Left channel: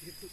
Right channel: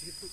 situ.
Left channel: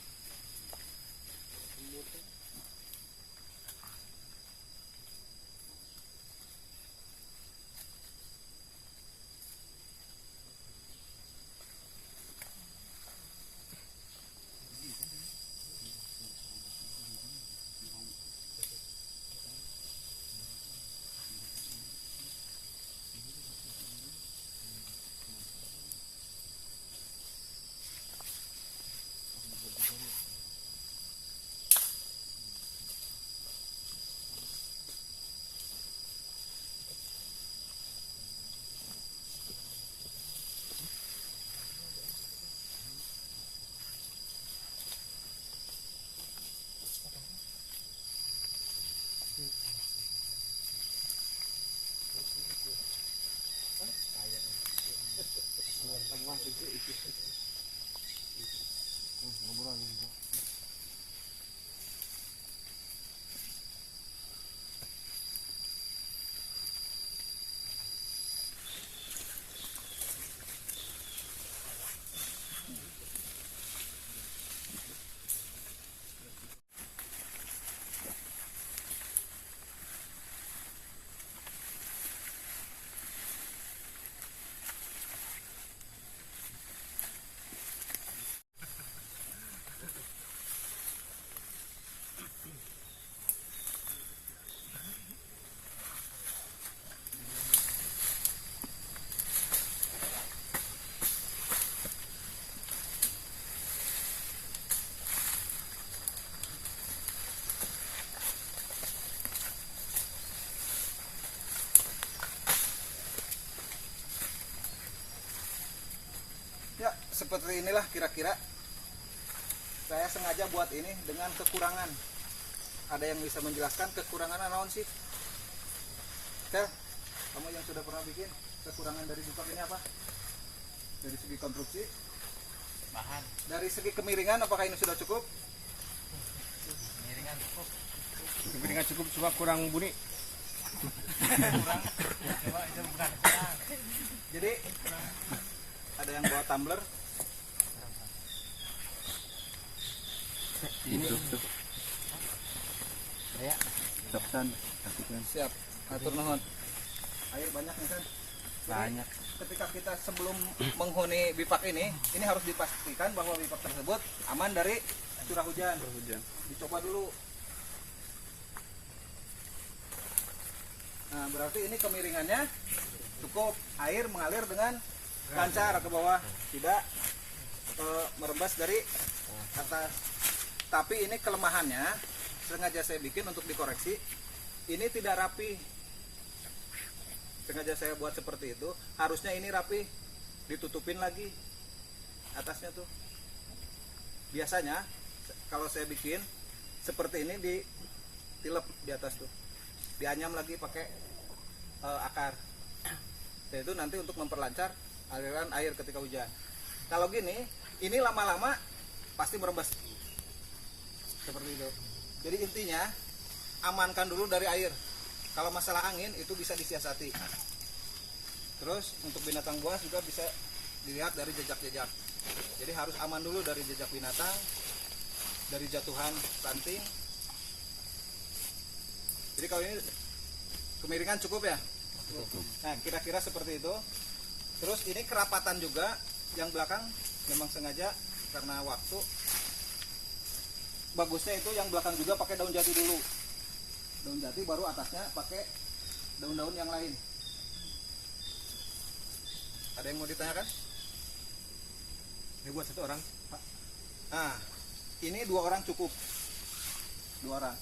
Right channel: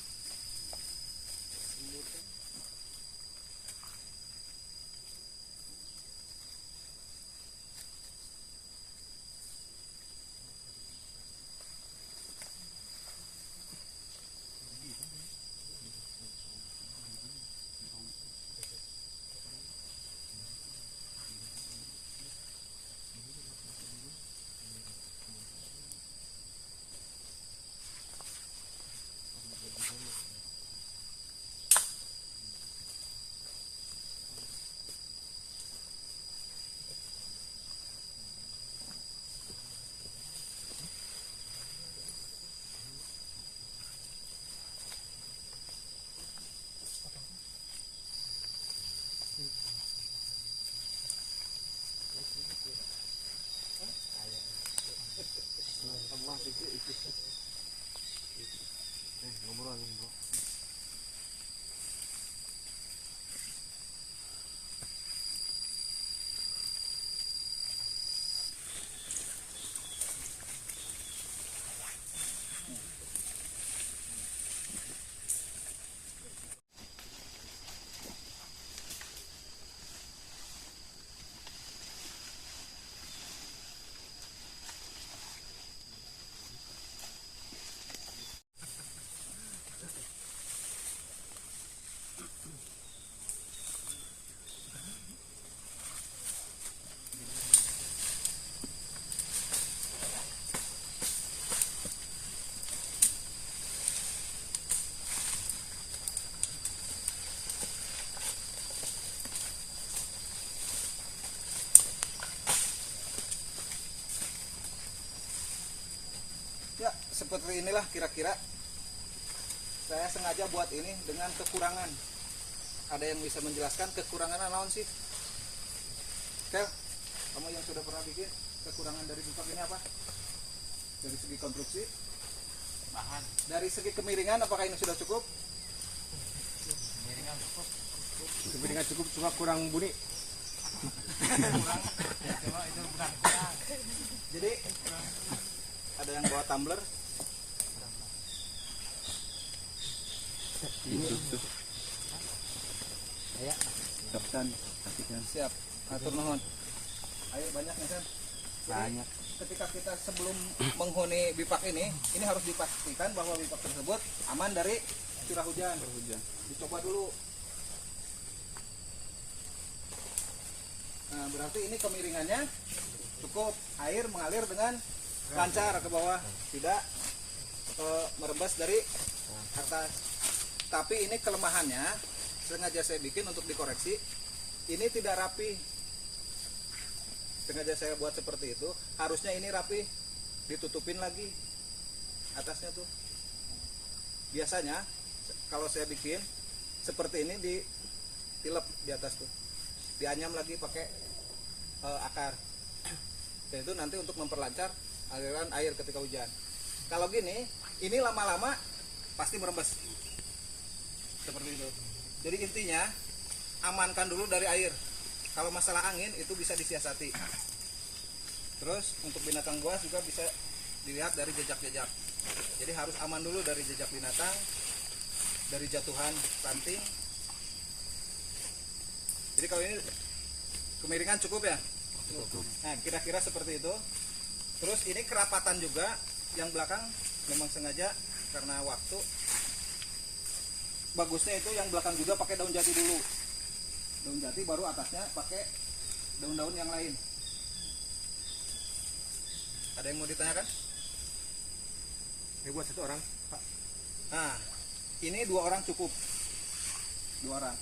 Ya, seperti inilah kira-kira. Saya sengaja buat ini dengan kekurangan. Ada yang bisa menjelaskan kekurangan naon sih? Kel, kamu yang sudah pernah bikin, kekurangan dari bipap ini apa? Dari segi konstruksi, Bahan. dari segi kemiringan, apakah ini sudah cukup? Miringan cukup. Kemiringan cukup, cuma kurang bunyi. Jadi ada yang bawa tumbler. Ini Ya. Siap, atur nuhun. Air banyak ya kan? banyak. Ketika kita sebelum menghuni bipak ini harus dipastikan bahwa bipak tersebut aman dari curah hujan. Dicoba dulu. Nah, berarti ini kemiringannya cukup, air mengalir dengan lancar ke bawah, tidak merembas dari atas. Tapi ini kelemahannya, sengaja saya bikin untuk dikoreksi. Ini tidak rapi. Sengaja saya buat seperti itu. Harusnya ini rapi, ditutupin lagi atasnya tuh. Biasanya kalau saya bikin seperti ini, ditilep di atas tuh, dianyam lagi pakai akar. Dan itu nanti untuk memperlancar aliran air ketika hujan. Kalau gini, ini lama-lama pasti merembes seperti itu. Jadi intinya amankan dulu dari air. Kalau masalah angin itu bisa disiasati. Terus untuk binatang buas juga bisa dilihat dari jejak-jejak. Jadi harus aman dulu dari jejak binatang, dari jatuhan ranting. Jadi kalau ini kemiringan cukup ya. Nah, kira-kira seperti itu. Terus ini kerapatan juga yang belakang memang sengaja karena waktu. Bagusnya itu yang belakang juga pakai daun jati dulu. Daun jati baru atasnya pakai daun-daun yang lain. Ada yang mau ditanyakan? Ini buat satu orang, Pak. Nah, ini 2 orang cukup. 2 orang.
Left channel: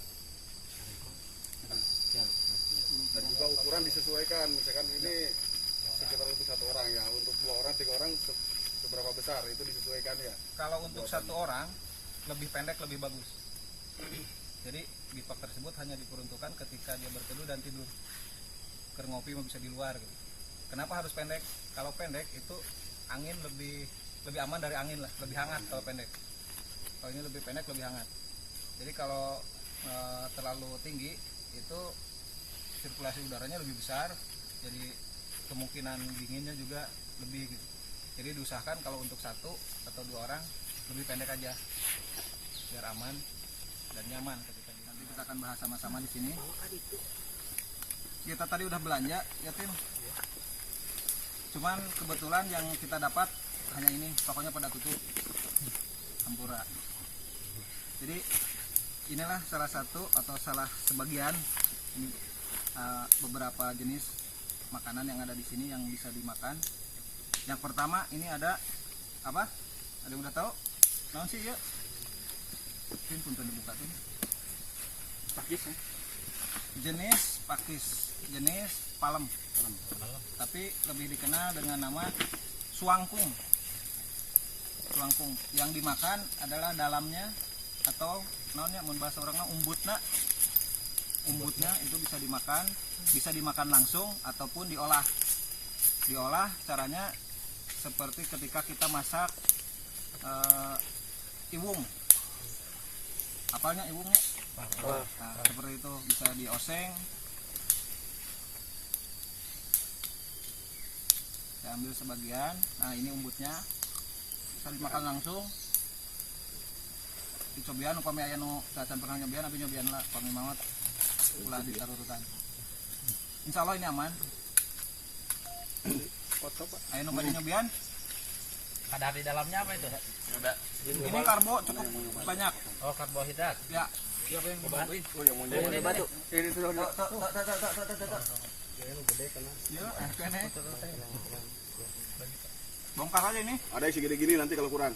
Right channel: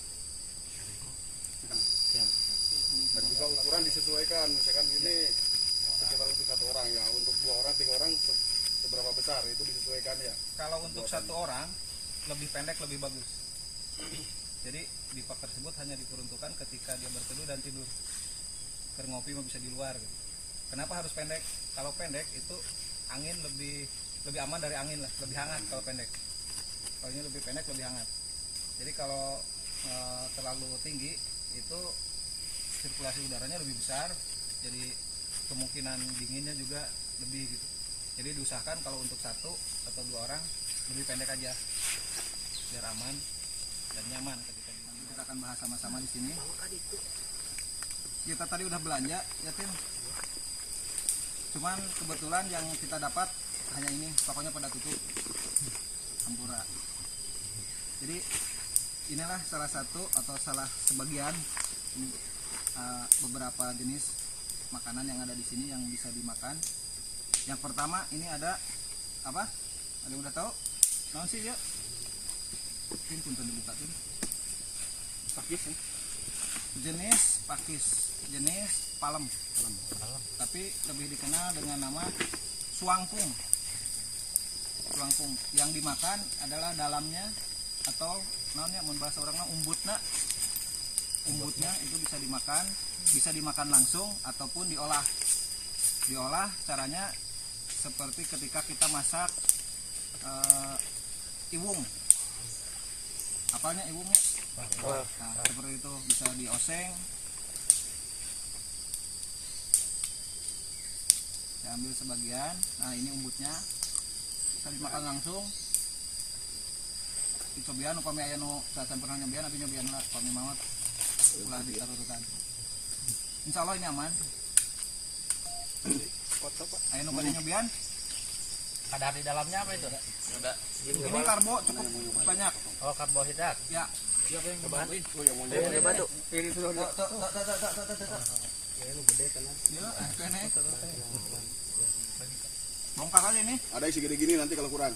Dan juga ukuran disesuaikan, misalkan ini sekitar untuk 1 orang ya, untuk 2 orang 3 orang seberapa besar itu disesuaikan ya. Kalau untuk 1 orang lebih pendek lebih bagus. Jadi bipak tersebut hanya diperuntukkan ketika dia berteduh dan tidur. Keur ngopi mah bisa di luar gitu. Kenapa harus pendek? Kalau pendek itu angin lebih aman dari angin lah, lebih hangat kalau pendek. Kalau ini lebih pendek lebih hangat. Jadi kalau terlalu tinggi itu sirkulasi udaranya lebih besar, jadi kemungkinan dinginnya juga lebih gitu. Jadi diusahakan kalau untuk 1 atau 2 orang lebih pendek aja biar aman dan nyaman ketika nanti kita akan bahas sama-sama di sini. Kita tadi udah belanja ya Tin, cuman kebetulan yang kita dapat hanya ini, pokoknya pada tutup Hampura. Jadi inilah salah satu atau salah sebagian ini, beberapa jenis makanan yang ada di sini yang bisa dimakan. Yang pertama ini ada apa? Ada yang udah tahu? Naon sih ya? Tin punten dibuka tuh. Pakis ya. Jenis pakis, jenis palem. Tapi lebih dikenal dengan nama suangkung. Suangkung yang dimakan adalah dalamnya atau naonnya mun bahasa orangnya umbutna. Umbutnya itu bisa dimakan langsung ataupun diolah. Diolah caranya seperti ketika kita masak iwung. Apanya iwungnya? Nah, seperti itu bisa dioseng. Saya ambil sebagian. Nah, ini umbutnya. Bisa dimakan langsung. Dicobian upami aya nu cacan pernah nyobian, tapi nyobian lah upami maot ulah ditarurutan. Insyaallah ini aman. Ayo nu bade nyobian. Kadar di dalamnya apa itu? Ada. Ini karbo cukup banyak. Oh, karbohidrat. Ya. Siapa yang mau nyobain? Oh yang mau Ini batu. ini sudah Bongkar aja ini. Ada isi gini-gini nanti kalau kurang.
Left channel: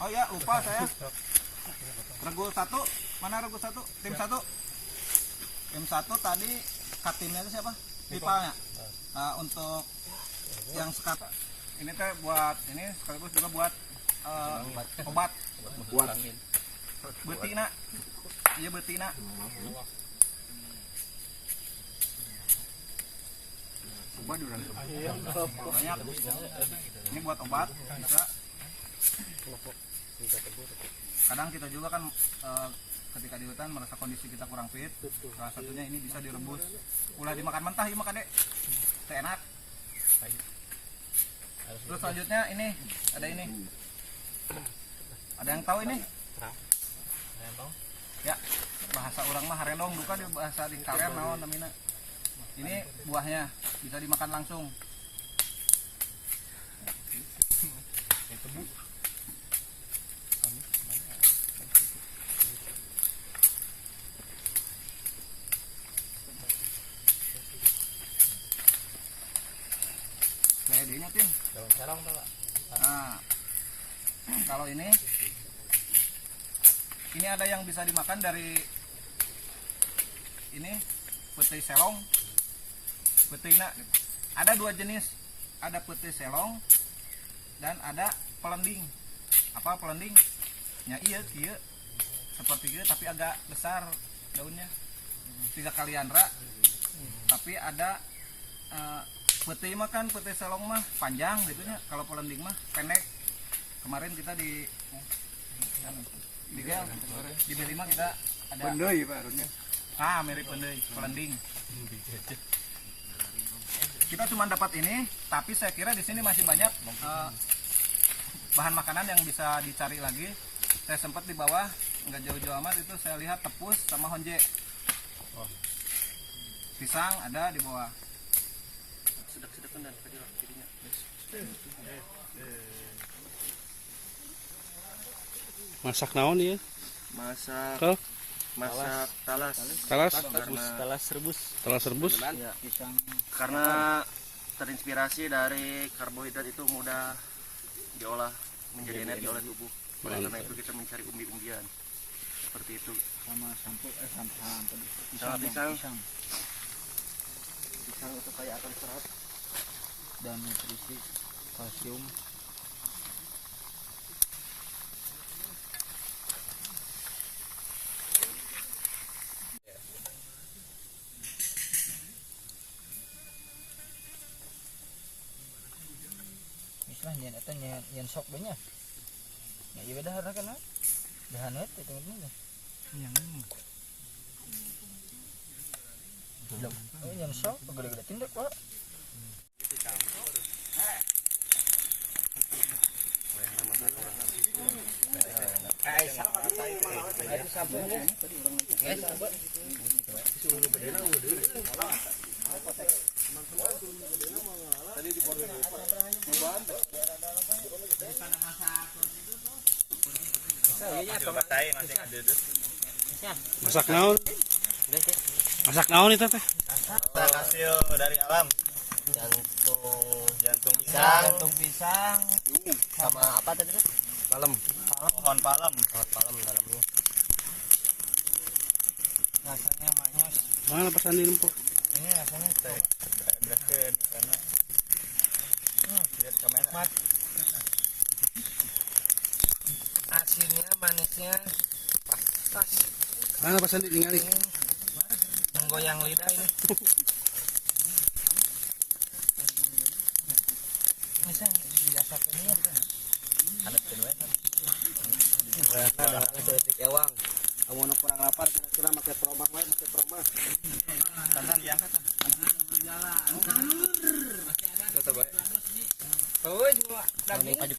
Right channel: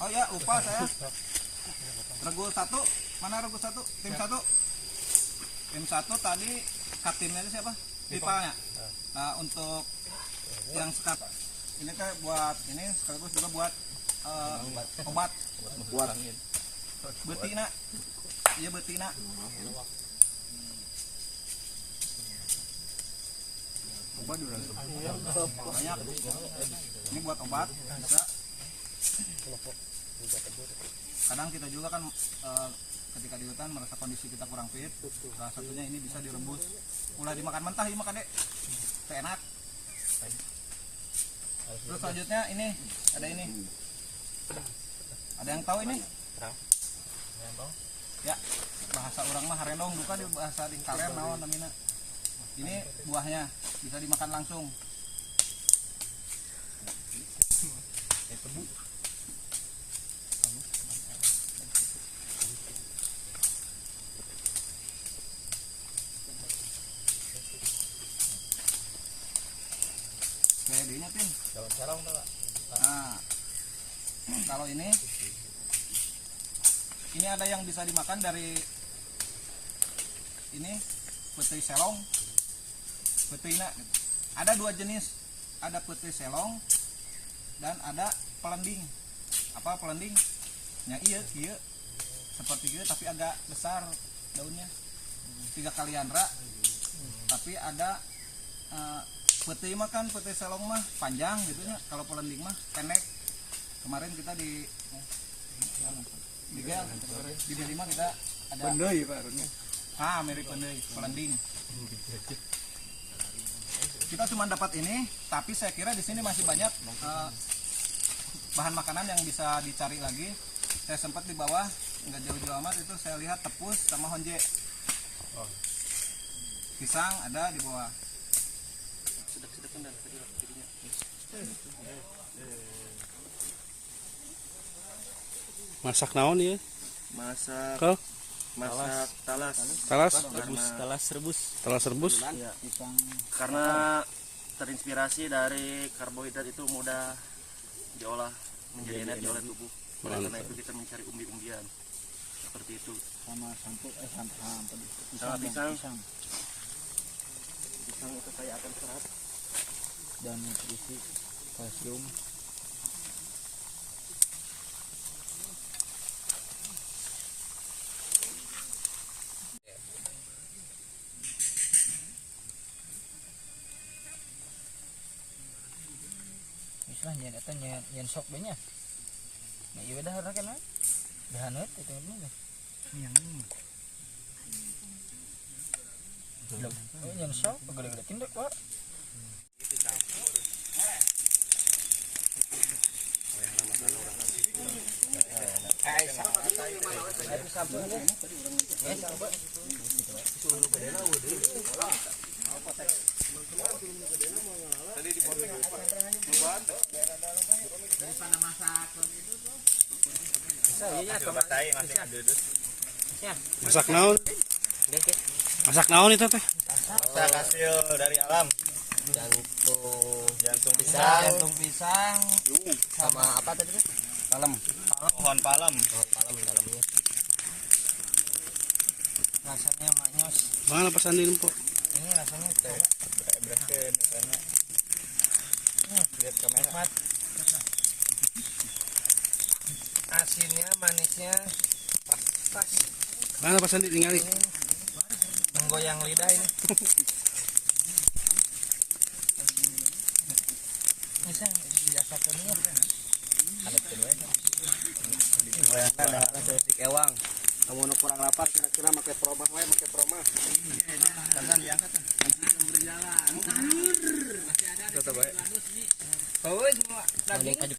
Oh ya, lupa saya. Regu 1, mana regu 1? Tim 1. Tim 1 tadi katimnya itu siapa? Pipalnya. Nah, untuk yang sekat ini teh buat ini sekaligus juga buat obat Buat betina. Iya betina. obat orang. Banyak. Ini buat obat bisa. Kadang kita juga kan ketika di hutan merasa kondisi kita kurang fit, salah satunya ini bisa direbus. Ulah dimakan mentah ya makan deh, enak. Terus selanjutnya ini ada ini. Ada yang tahu ini? Ya, bahasa orang mah harendong duka di bahasa di kalian naon namina. Ini buahnya bisa dimakan langsung. CD-nya Tin. Nah, kalau ini ada yang bisa dimakan dari ini putih selong, putihna. Ada dua jenis, ada putih selong dan ada pelending. Apa pelending? Ya iya, seperti gitu tapi agak besar daunnya, 3 kali andra. Tapi ada putih mah kan putih selong mah panjang gitunya, kalau pelending mah pendek. Kemarin kita di gel di B5 kita ada Pendai Pak harusnya. mirip pendai pelending. Kita cuma dapat ini, tapi saya kira di sini masih banyak bahan makanan yang bisa dicari lagi. Saya sempat di bawah, nggak jauh-jauh amat itu saya lihat tepus sama honje. Pisang ada di bawah. Sedap-sedapan dan kecil jadinya. Masak naon ya? Masak talas. Talas? Talas rebus. Ya, pisang. Karena terinspirasi dari karbohidrat itu mudah diolah menjadi energi oleh tubuh. Oleh karena itu kita mencari umbi-umbian. Seperti itu. Sama sampul Sama pisang. Pisang itu kaya akan serat dan nutrisi kalsium. Lah nyen eta nyen sok banyak. Ya ieu dah harna kana. Dahaneut itu mah. Oh nyen sok gede-gede tindak, Pak. Masak naon? Masak naon itu teh? Hasil dari alam. Jantung pisang sama apa tadi tuh? Pohon palem dalamnya. Rasanya manyos. Mana pesan di Lempo? Ini rasanya tuh beraskan karena lihat kamera. Asinnya, manisnya pas. Mana pesan di ningali? Menggoyang lidah ini. Bisa dirasakan ya. Alat kedua. Ada ewang. Kamu nu kurang lapar kira-kira pakai proma we, pakai proma. Tangan diangkat. Berjalan. Masih ada. Tetep bae. Oh, semua daging